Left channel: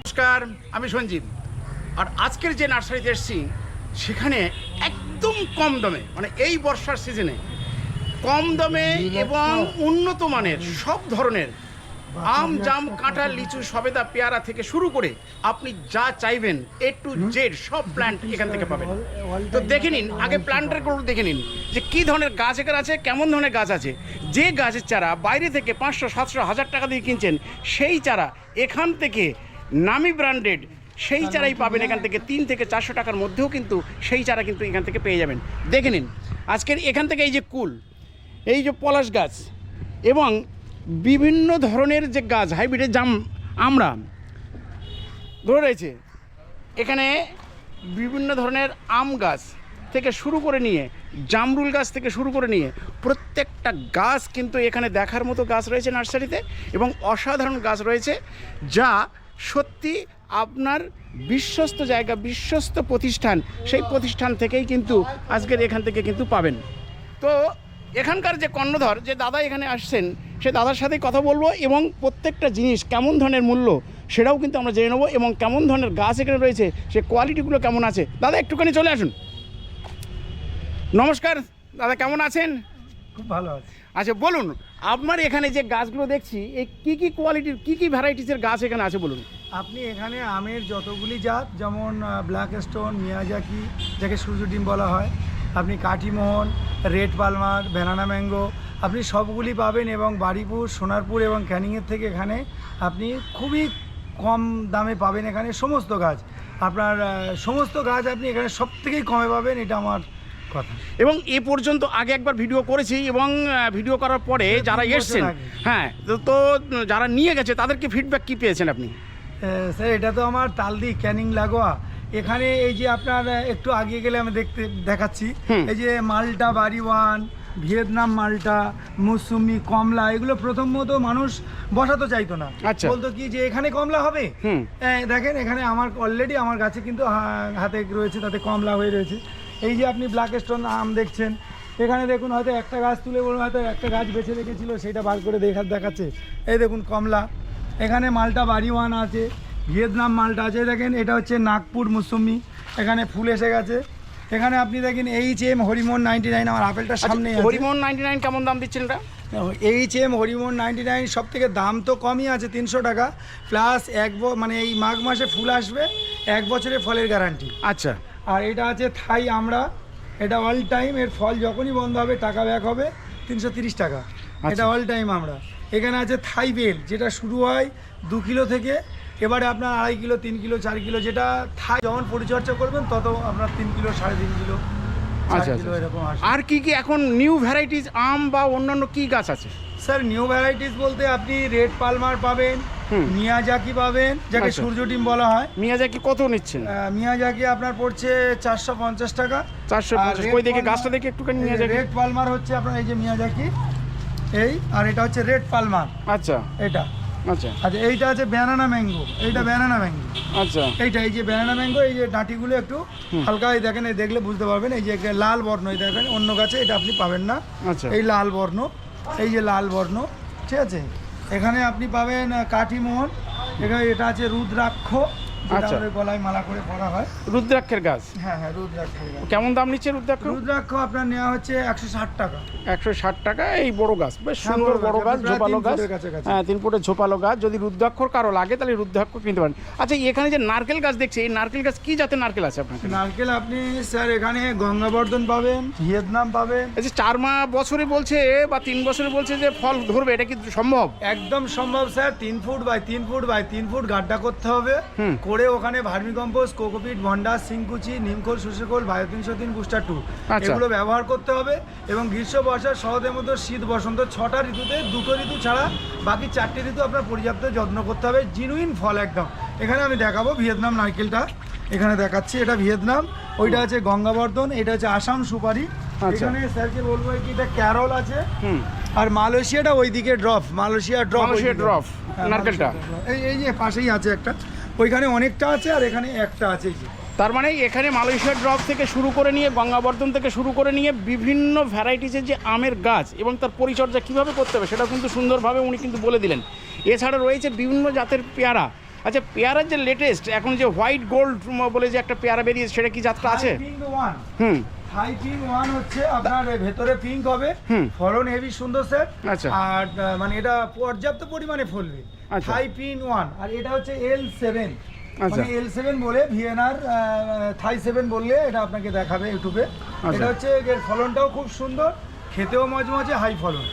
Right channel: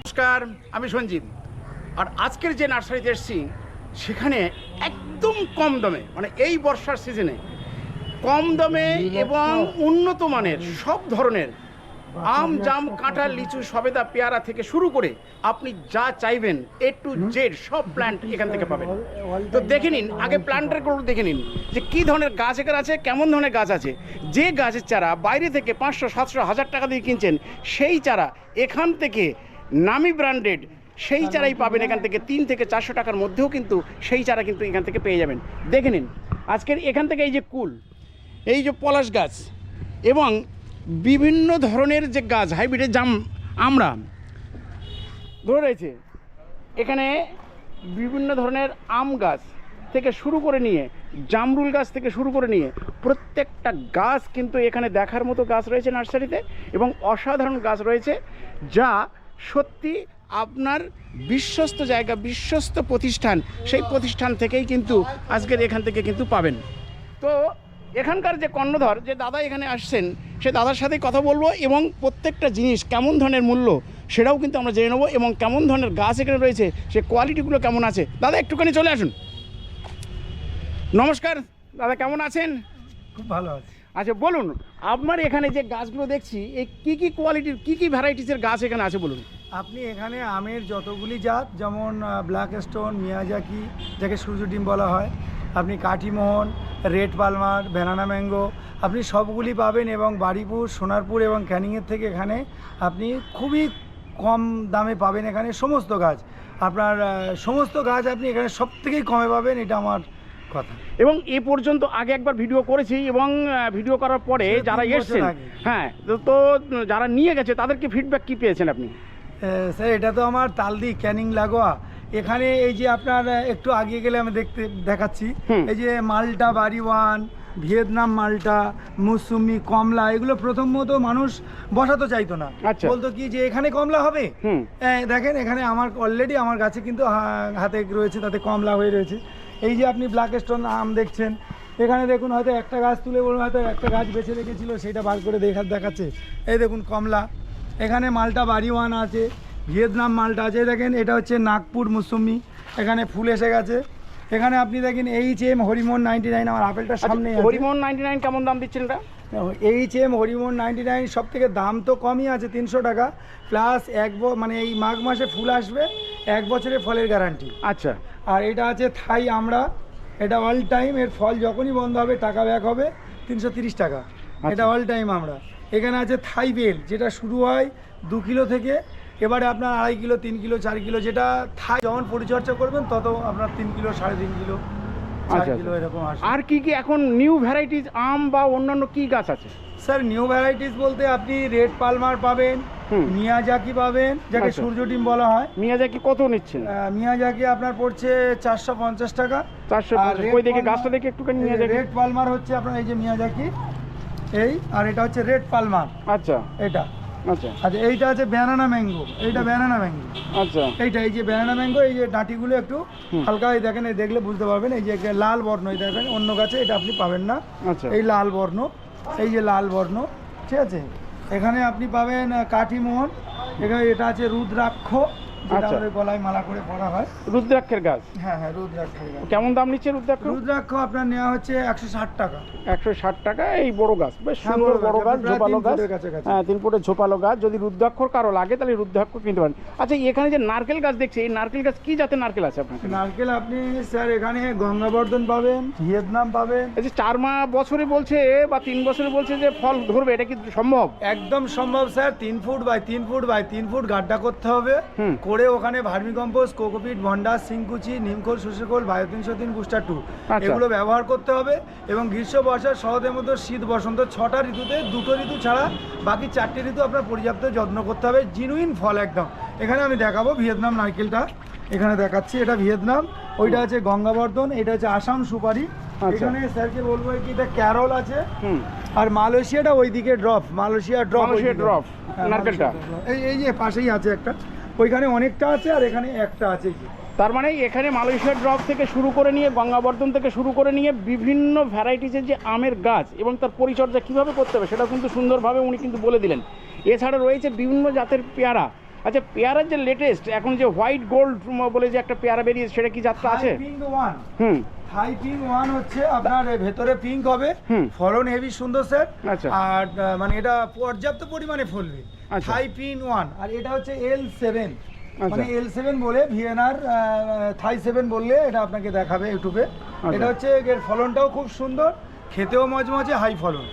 নমস্কার আমি সঞ্জীব। আর আজকের যে নার্সারিতে এসেছি সেখানে একদম কম দমে মানে এই বর্ষার সিজনে কম দমে এবং উন্নত মানের সব ধরনের আম, জাম, কাঁঠাল, লিচু সবেদা পেয়ারা থেকে শুরু করে আপনি যা চাইবেন এ টু জেড সব প্ল্যান্ট এখান থেকে পাবেন। তো দেখে নিন, আগে প্ল্যান্টারগুলো দেখে নিন, যে কী ধরনের গাছ এখানে আছে, কেমন ধরনের গাছ আছে। যে গাছের চারা বাইরে থেকে পাঁচশো, সাতশো, হাজার টাকা দিয়ে কিনছেন, সেই চারা এখান থেকে নামি ব্র্যান্ডেড সেই চারাই পাবেন এখান থেকে তিন থেকে চারশো টাকার মধ্যেও কিন্তু সেই চারা কিন্তু এখান থেকে পেয়ে যাবেন। দেখে নিন, আজকের এখান থেকে এই যে কুল, এই যে পলাশ গাছ এবং বিভিন্ন ধরনের যে গাছ, হাইব্রিডের জাম আমরা, ধরে রয়েছে। এখানে বিভিন্ন ধরনের আম গাছ থেকে শুরু করে নিয়ে, জামরুল গাছ থেকে শুরু করে নিয়ে, প্রত্যেকটা গাছ কিন্তু এখানে দেখার মতো গাছ রয়েছে নার্সারিতে এবং অসাধারণ গাছ রয়েছে যা সত্যি আপনার বিশ্বস্ত জায়গা, বিশ্বস্ত প্রতিষ্ঠান, সেই প্রতিষ্ঠান থেকেই কিন্তু আজকের এখান থেকে কিন্তু পাবেন। তো এখানকার যে কর্ণধর যে দাদা এখানে আসছেন সে দাদার সাথেই কথা বলব এবং প্রত্যেকটা জিনিস কেমন ধরনের মূল্য সেটাও কিন্তু আমরা জেনে নেব এবং কেমন ধরনের গাছ এখানে রয়েছে সে কোয়ালিটিগুলো কেমন আছে। দাদা একটুখানি চলে আসুন। নমস্কার দাদা কেমন আছেন? খুব ভালো আছে। আচ্ছা বলুন আপনার এখানে যে গাছগুলো দেখছি এই কী কী কোয়ালিটির কী কী ভ্যারাইটিসের গাছ এখানে আছে বলুন? আপনি এখানে আমের যতগুলি জাত যেমন ব্ল্যাক স্টোন মিয়াজাকি যাকে সূর্য ডিম বলা হয় আপনি Kathimohan red palmer banana mango আপনি সবগুলি পাবেন এবং বাড়িপুর সোনারপুর এবং ক্যানিংয়ের থেকে এখানে আপনি খুবই কম দামে পাবেন এখানে সমস্ত গাছ। আপনার সমস্ত গাছ আপনি এখানে সব থেকেই কমে পাবেন এটা আমার কথা। এবং এ পর্যন্ত আগে একবার ভিডিও করেছি এবং ভিডিও করার পরে যারা তিন বছর এসছেন হ্যাঁ তো যারা নিয়ে গেছে তাদেরকে ফিডব্যাক কী পেয়েছেন আপনি? স্যার এটা তো আমার তালদি ক্যানিং লাগোয়া। এখানে এই যে আপনার একটু আগিয়ে গেলে আমি দেখতে দেখাচ্ছি। এই যে মালটা বাড়িওয়ান ভিয়েতনাম মালটা মুসুমি কমলা এগুলো প্রথমত মানুষ বসাতে চাইতো না। আচ্ছা। বলতো কি যে এখানে কমলা হবে? দেখেন এখানে আমার অলরেডি আমার গাছে কিন্তু হাতে রয়েছে তাতে কমলা হয়ে রয়েছে। এই যে আপনি ব্ল্যাক স্টোন আম দেখছেন এখানে দেখুন হয়তো একটা গাছ তুলে বলুন হয়তো একটা গাছ বেছে রেখেছিল সেটা বার করে দেখা দেখাচ্ছে। এই দেখুন কমলা। এখানে মালটা বাড়িওয়ান আছে। ভিয়েতনাম মালটা আছে দেখেন এটা হচ্ছে নাগপুর মুসম্মি এখানে ফুল এসে গেছে। এখানে আপনি দেখেন H M Harimohan ninety nine আমার আপেলটার সামনে আচ্ছা, হরিমোহন নাইনটি নাইন কেমন দাম দিচ্ছেন এটা? H M Harimohan ninety nine সব থেকে দাম তো কমই আছে তিনশো টাকা। প্লাস এক ব- মানে এই মাঘ মাসে ফুল আসবে এক বছরের ফলের গ্যারান্টি আচ্ছা। আর এটা আছে থাই আমরা। এটা অল টাইম এর ফল যখনই বন্ধ হবে টাকা ব্যাক হবে তিনশো তিরিশ টাকা। এটা অল টাইম আমরা। এখানে আছে থাই বেল যেটা শুরু হয় দু কিলো থেকে এবারে আপনার আড়াই কিলো তিন কিলো চার কিলো যেটা থাই যখন পরিচর্যা করবেন তত আপনার তিন কিলো সাড়ে তিন কিলো আচ্ছা, কিলো আচ্ছা। এরকম আর কি কি এখন নিউ ভ্যারাইটিস আম বা অন্যান্য কি গাছ আছে? স্যার নিউ ভ্যারাইটিস বলতে আপনি রেড পালমার পাবেন মিয়াজাকি পাবেন যাকে আচ্ছা। সূর্য ডিম বলা হয়। মিয়াজাকি কত নিচ্ছেন? মিয়াজাকি আপনার পড়ছে চারশো পঞ্চাশ টাকা। চারশো ওই দেখে গাছটা দেখে একটুখানি মিয়াজাকি রেড পালমার হচ্ছে আপনার এই যে মিয়াজাকি এই আর এটা হচ্ছে রেড পালমার আচ্ছা। এটা। আচ্ছা। আচ্ছা এইটা আছে ব্যানানা ম্যাঙ্গো এইটা ব্যানানা ম্যাঙ্গো আচ্ছা। এইটা এই যে ব্যানানা ম্যাঙ্গো এই যে ডাঁটিগুলো একটু হালকা এই দেখেন এই দেখলে বুঝতে পারবেন এই যে লাল বর্ণ এই দেখেন অন্য গাছে এটা আপনি পাবেন না। আচ্ছা। এই লাল বর্ণ এই যে লাল বর্ণ ঠিক আছে? এখানে আপনি পাবেন কাঠিমোহন এখানে এটা আছে রুদ্রাক্ষ আচ্ছা। গলায় মালা করে পরা হয়। রুদ্রাক্ষের গাছ? হ্যাঁ হ্যাঁ কেমন দাম নিচ্ছে রুদ্রাক্ষ? রুদ্রাক্ষ আপনার নেওয়া হচ্ছে একশো ষাট টাকা। একশো ষাট টাকা এই বড় গাছ বেশ হ্যাঁ, সুন্দর বড় গাছ, গাছ ঝোপালো গাছ। হ্যাঁ তিন ফুটের ঝোপালো গাছ যদি রুদ্রাক্ষর কারও লাগে তাহলে রুদ্রাক্ষ কিনতে পারেন। আচ্ছা এখানে যে নারকেল গাছ দেখছি এই নারকেল গাছ কি জাতের নারকেল আছে আপনার নারকেল আপনি স্যার এখানে গঙ্গাবর্ধন পাবেন ভিয়েতনাম পাবেন। এই যে চার মা বছরে বলছে বা তিন বছরে বলছে যে ফল ধরবে এটা কি সম্ভব? একদম সম্ভব স্যার তিন ফুট বাই তিন ফুট বাই তিন ফুট গাড্ডা করতে হবে। হুম। করে ওখানে ভার্মি কম্পোস্ট কোকোপিট ভন্ডা সিংকুচি নিমখোল শুষ্কখোল বায়ো তিনশো তিন বুস্টার টু। আচ্ছা। এগুলো ব্যবহার করতে হবে এবং গ্রীষ্ম বর্ষা শরতের মতো শীত বসন্ত ছটা ঋতুতে দুটো ঋতু ছাড়া বাকি চারটি ঋতু আপনার পর্যাপ্ত যত্ন করতে হবে। জিনুইন ফল একদম। এখানে আমি দেখাবো ভিয়েতনাম নারকেলটা। এখানে দেখাচ্ছি এটা ভিয়েতনাম। ওইটা আছে গঙ্গাবর্ধন এটা হচ্ছে আসাম সুপারি। আচ্ছা। এখানে স্যারকে বলব কি এটা ক্যারল আছে। আর মালয়েশিয়াটা ওইদিকে ড্রপ মালয়েশিয়া ড্রপ drop, নারকেলটা। এই এই যে পাশেই আছে একটা। ওইখানে অনেকটা আছে আর এখানে একটা আছে তার মানে এখানে মালয়েশিয়ার ড্রপ থেকে শুরু করে নিয়ে গঙ্গাবর্ধন থেকে শুরু করে নিয়ে বিভিন্ন ভ্যারাইটিসের যে আমের গাছ এবং তার পরিচর্যা কীভাবে করতে হবে সেটা কিন্তু সুন্দরভাবে উনি কিন্তু বলে দিলেন। এছাড়া রয়েছে বিভিন্ন জাতের পেয়ারা। আচ্ছা পেয়ারার যে লেটেস্ট এখন যে হোয়াইট গোল্ড বলে যে একটা পেয়ারা বেরিয়েছে সেটা কি যাত্রা আছে? হুম। হাই পিঙ্ক ওয়ান হচ্ছে আপনার ভেতরে পিঙ্ক হবে। ফলন হেভি সুন্দর স্যার আচ্ছা। আর মানে এটা পর্যাপ্ত পরিমাণে ফলবে। হাই পিন ওয়ান আর এটা হচ্ছে এল সেভেন আচ্ছা। মানে এল সেভেন বলে ভিএনআর থাই সেভেন বললে এটা আপনাকে দেখাবে ইউটিউবে আচ্ছা। এটা হচ্ছে এর ফলনটাও খুব সুন্দর। খেতেও মজমজে হাই ফলন।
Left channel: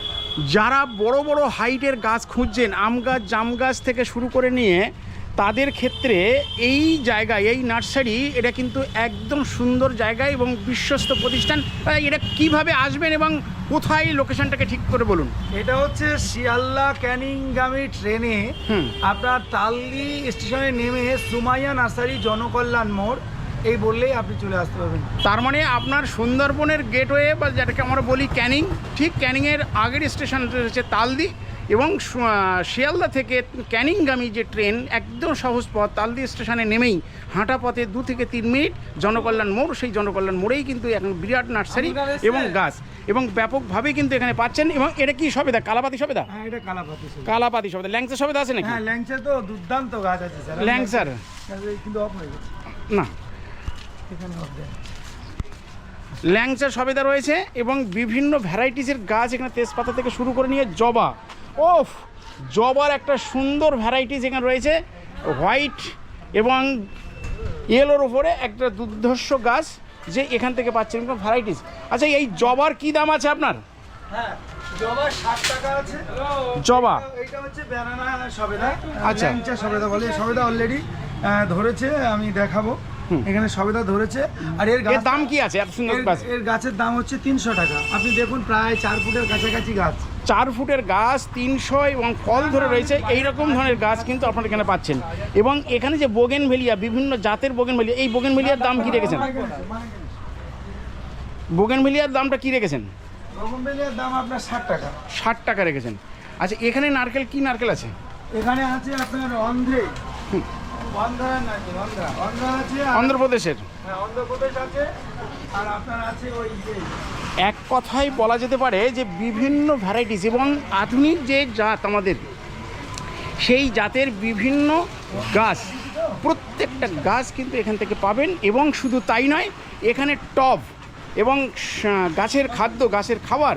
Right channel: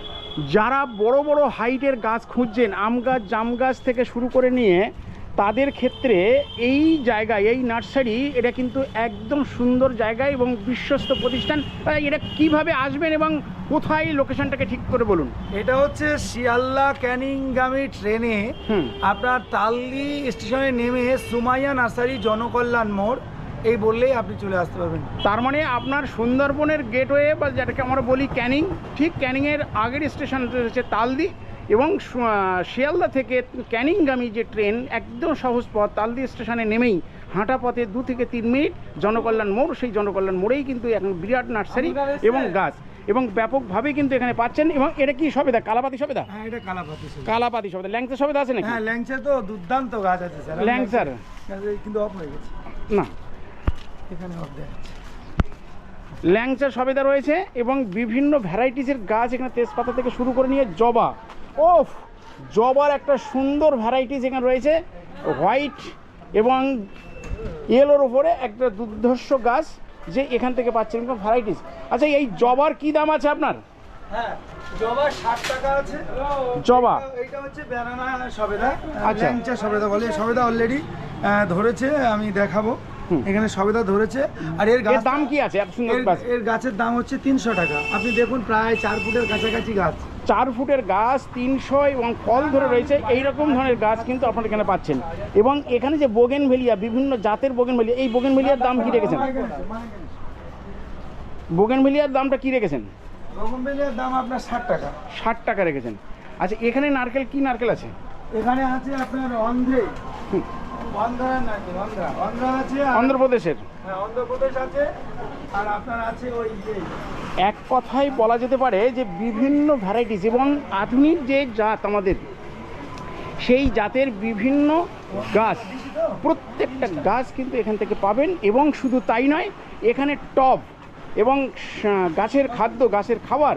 যারা বড় বড় হাইটের গাছ খুঁজছেন আম গাছ জাম গাছ থেকে শুরু করে নিয়ে তাদের ক্ষেত্রে এই জায়গায় এই নার্সারি এটা কিন্তু একদম সুন্দর জায়গা এবং বিশ্বস্ত প্রতিষ্ঠান। এটা কীভাবে আসবেন এবং কোথায় লোকেশনটাকে ঠিক করে বলুন? এটা হচ্ছে শিয়ালদা ক্যানিংগামী ট্রেনে আপনার তালদি স্টেশনে নেমে সুমাইয়া নার্সারি জনকল্যাণ মোড় এই বললেই আপনি চলে আসতে পারবেন। তার মানে আপনার সুন্দরবনের গেটওয়ে বা যেটাকে আমরা বলি ক্যানিং ঠিক ক্যানিংয়ের আগের স্টেশন হচ্ছে তালদি এবং শিয়ালদা থেকে ক্যানিংগামী যে ট্রেন একদম সহজ পথ তালদি স্টেশনে নেমেই হাঁটা পথে দু থেকে তিন মিনিট। জনকল্যাণ মোড় সেই জনকল্যাণ মোড়েই কিন্তু এখন বিরাট নার্সারি এবং গাছ। এবং ব্যাপকভাবে কিন্তু এখানে পাচ্ছেন এবং এটা কি সবেদা? কালাপাতি সবেদা? হ্যাঁ এটা কালাপাতি। কালাপাতি সবেদা। ল্যাংচা সবেদা আছে নাকি? হ্যাঁ ল্যাংচা তো দুর্দান্ত গাছ আছে স্যার। ল্যাংচার? কিন্তু অফ হয়ে গেছে। না। এখানে অফ দেয় ল্যাংচা সবেদা রয়েছে এবং বিভিন্ন ভ্যারাইটিসের গাছ এখানে তেজপাতা থেকে শুরু করে নিয়ে জবা। ওফ জবার একটা সুন্দর ভ্যারাইটিস এখানে রয়েছে হোয়াইট এবং ইয়েলোর ওপরে একটা দুর্ধর্ষ গাছ যে এখান থেকে পাচ্ছেন ভ্যারাইটিস আচ্ছা এই জবার কি দাম আছে আপনার? হ্যাঁ জবা? আচ্ছা। আচ্ছা সবেদা বলে সবেদা অলরেডি ধরেছে আমি দেখাবো। এখানে সবেদা ধরেছে। আর এর গাছ দাম কি আছে? এর- গাছ। এর গাছের দাম হচ্ছে তিনশো টাকা। আপনি দেখুন প্রায় চার ফুটের কাছাকাছি গাছ। চার ফুটের গাছ তিনশো এবং ফল ধরে রয়েছে। এই রকম ধরনের গাছ কিন্তু আপনারা এখানে পাচ্ছেন। এবং এখানে যে বোগেন ভেলিয়া বিভিন্ন জাতের বোগেন ভেলিয়া এই বোগেন ভেলিয়ার দাম কি রেখেছেন? বোগেন ভেলিয়ার দামটা কি রেখেছেন? রকমবেলিয়ার দাম আপনার ষাট টাকা। ষাট টাকা রেখেছেন। আচ্ছা এখানে নারকেল কি নারকেল আছে? এখানে আছে আপনার অন্ধ্রে। অন্ধ্রপ্রদেশের। হ্যাঁ, এক কথায় বলা যেতে পারে যে বিভিন্ন ভ্যারাইটিস এবং আধুনিক যে জাত আমাদের সেই জাতের বিভিন্ন গাছ প্রত্যেকটা গাছ কিন্তু এখান থেকে পাবেন এবং শুধু তাই নয় এখানে টব এবং গাছের খাদ্য গাছের খাবার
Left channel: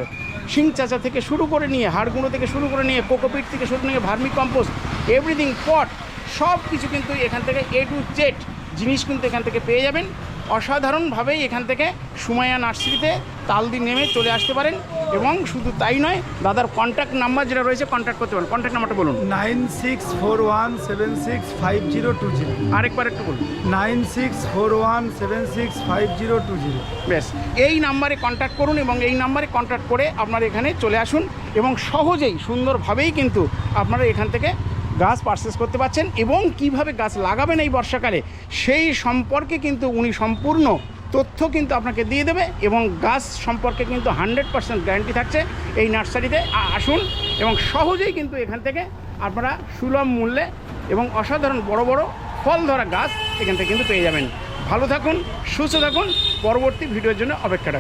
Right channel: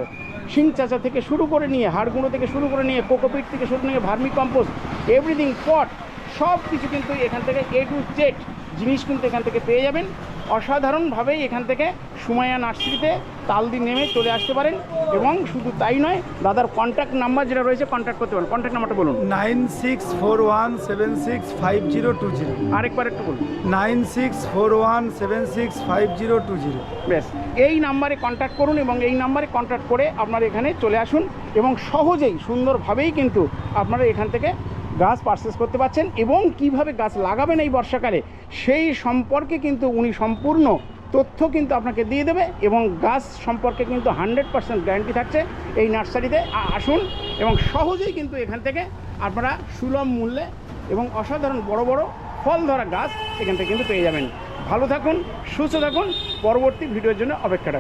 শিং চাচা থেকে শুরু করে নিয়ে হাড়গুঁড়ো থেকে শুরু করে নিয়ে কোকোপিট থেকে শুরু নিয়ে ভার্মি কম্পোস্ট এভরিথিং পট সব কিছু কিন্তু এখান থেকে এ টু জেড জিনিস কিন্তু এখান থেকে পেয়ে যাবেন। অসাধারণভাবেই এখান থেকে সুমাইয়া নার্সারিতে তালদি নেমে চলে আসতে পারেন এবং শুধু তাই নয় দাদার কন্ট্যাক্ট নাম্বার যেটা রয়েছে কন্ট্যাক্ট করতে পারেন। কন্ট্যাক্ট নাম্বারটা বলুন। Nine six four one seven six five zero two zero. আরেকবার একটু বলুন। Nine six four one seven six five zero two zero. ব্যাস এই নাম্বারে কন্ট্যাক্ট করুন এবং এই নাম্বারে কন্ট্যাক্ট করে আপনারা এখানে চলে আসুন এবং সহজেই সুন্দরভাবেই কিন্তু আপনারা এখান থেকে গাছ পারচেস করতে পারছেন এবং কীভাবে গাছ লাগাবেন এই বর্ষাকালে, সেই সম্পর্কে কিন্তু উনি সম্পূর্ণ তথ্য কিন্তু আপনাকে দিয়ে দেবে এবং গাছ সম্পর্কে কিন্তু হান্ড্রেড পার্সেন্ট গ্যারান্টি থাকছে এই নার্সারিতে। আসুন এবং সহজেই কিন্তু এখান থেকে আপনারা সুলভ মূল্যে এবং অসাধারণ বড় বড় ফল ধরা গাছ এখান থেকে কিন্তু পেয়ে যাবেন। ভালো থাকুন, সুস্থ থাকুন, পরবর্তী ভিডিওর জন্য অপেক্ষা রাখুন।